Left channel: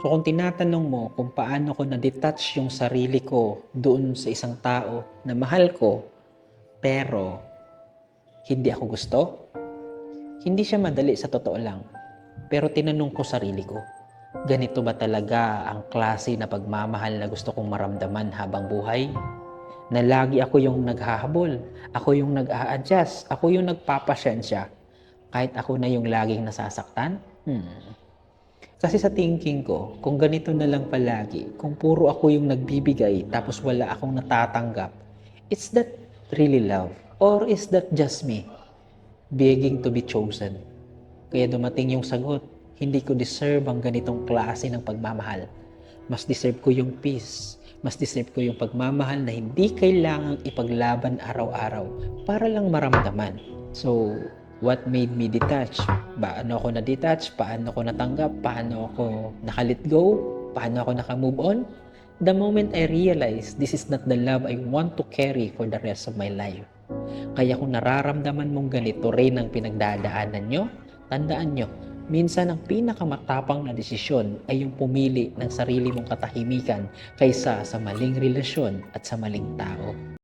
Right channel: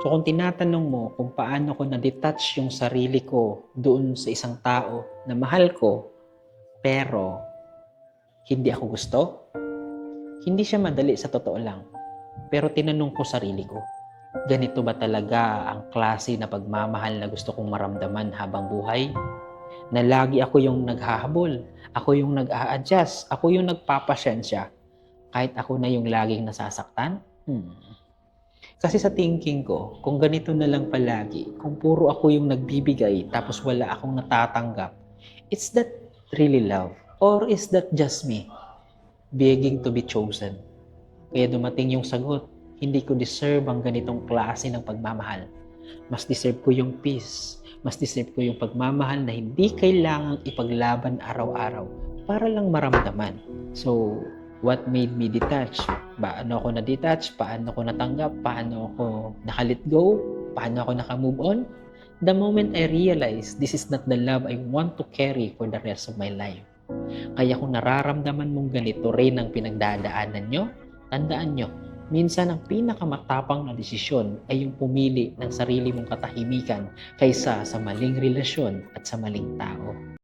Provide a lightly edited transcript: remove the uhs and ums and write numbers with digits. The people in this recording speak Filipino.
So kung tinatanong mo kung paano ko na-detach yung sarili ko doon sa isang tao na mahal ko, pero hindi ako gusto, hindi siya madali sa totoo lang. Pero tinanong ko sarili ko, ganito ba talaga ang klase na pagmamahal na gusto kong maramdaman habang buhay? Na lagi ako yung naghahabol, ako yung nag-a-adjust, ako yung nagpapasyensya, kahit ako na yung laging nasasaktan? Kasi sa thinking ko, kung ganito na lang palagi, kung puro ako yung nagbibigay tapos wala akong natatanggap, is that really love? Or is that just me begging to be chosen? Kaya dumating yung sagot, hindi ko deserve ang ganitong klase ng pagmamahal. Mas deserve ko yung peace. Mas deserve ko yung pagmamahal na hindi kailangang ipaglaban araw-araw para lang maramdaman. So, what made me detach? Paano ako na-detach? Paano ko natanggap? Paano ako nakalit go? Paano ako naka-move on? The moment I realized this is not the love I want to carry for the rest of my life. Kaya kung nararamdaman mong ganito rin ang pinagdadaanan nyo, tandaan nyo, minsan ang pinakamatapang na desisyon ay yung pumili ng sarili mong katahimikan kaysa sa maling relasyon at sa maling tao.